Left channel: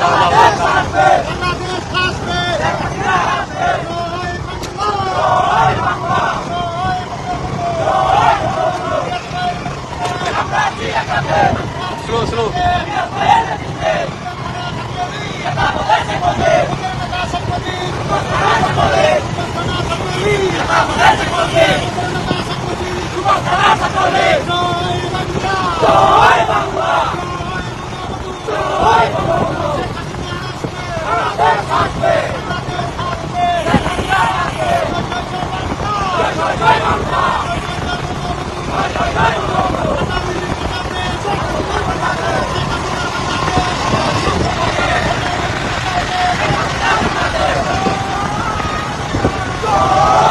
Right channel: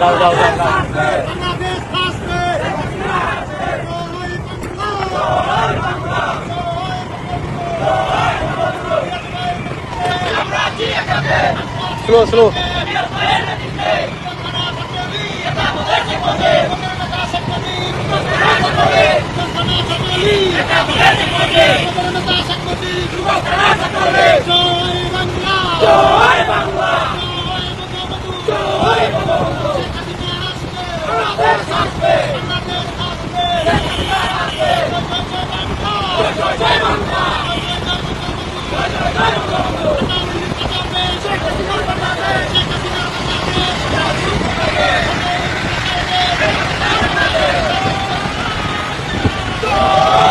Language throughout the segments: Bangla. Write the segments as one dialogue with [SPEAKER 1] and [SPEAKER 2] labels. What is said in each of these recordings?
[SPEAKER 1] দাও দাও দাও স্লো স্লো
[SPEAKER 2] জয়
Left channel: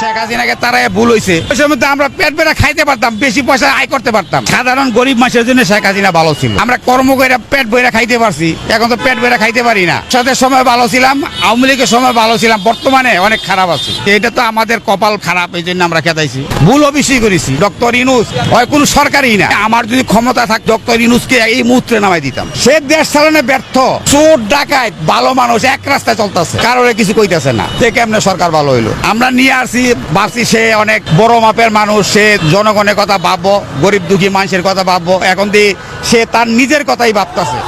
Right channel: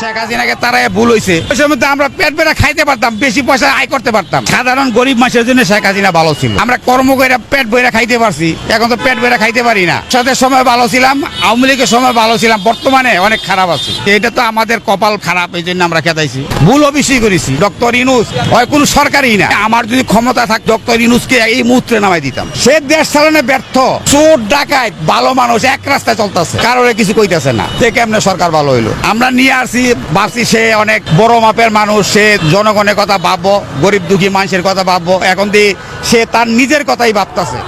[SPEAKER 3] শেখ হাসিনাকে তারাই ভুল হয়েছে ওই সময় আমরা পেট বেড়া খাইতে পারতাম, বেশি পয়সা আয় করতে পারতাম। সাধারণ গরিব মানুষের জন্য শেখ হাসিনা ভালো ছিল। আমরা কর্ম করে পেট বইরা খাইতে পারছি, এখন তো পেট বেড়া খাইতে পারি না। সাথে সময় ভালো ছিলাম, আওয়ামী লীগের সময় ভালো ছিলাম, বর্তমানে অনেক খারাপ আছে। এটা তো আমাদের কপাল খারাপ, এই জন্য আমরা খেতাইছি ভুল অবশ্যই করেছি, ডক্টর ইনুস হয় কোন সরকারই না। আমার যদি ক্ষমতা থাক, ডক্টর ইনুসকে এই মুহূর্তে নামাই দিতাম। সে দেশ চালানো ব্যর্থ, চোর ডাকায় ভালো মানুষ, এক রাস্তায় চলতেছে। কারোর কিছু কইতেছে না সে কেমনে সরকার ভালো হইল। আমরা নিয়ে আসছি ভাবছি সে অনেক বড় মাপের মানুষ, সে জনগণের কথা ভাববো, গরিব দুঃখী মানুষের কথা ভাববো। এখন দিয়ে সে তার নিজের কথাই ভাবতেছে।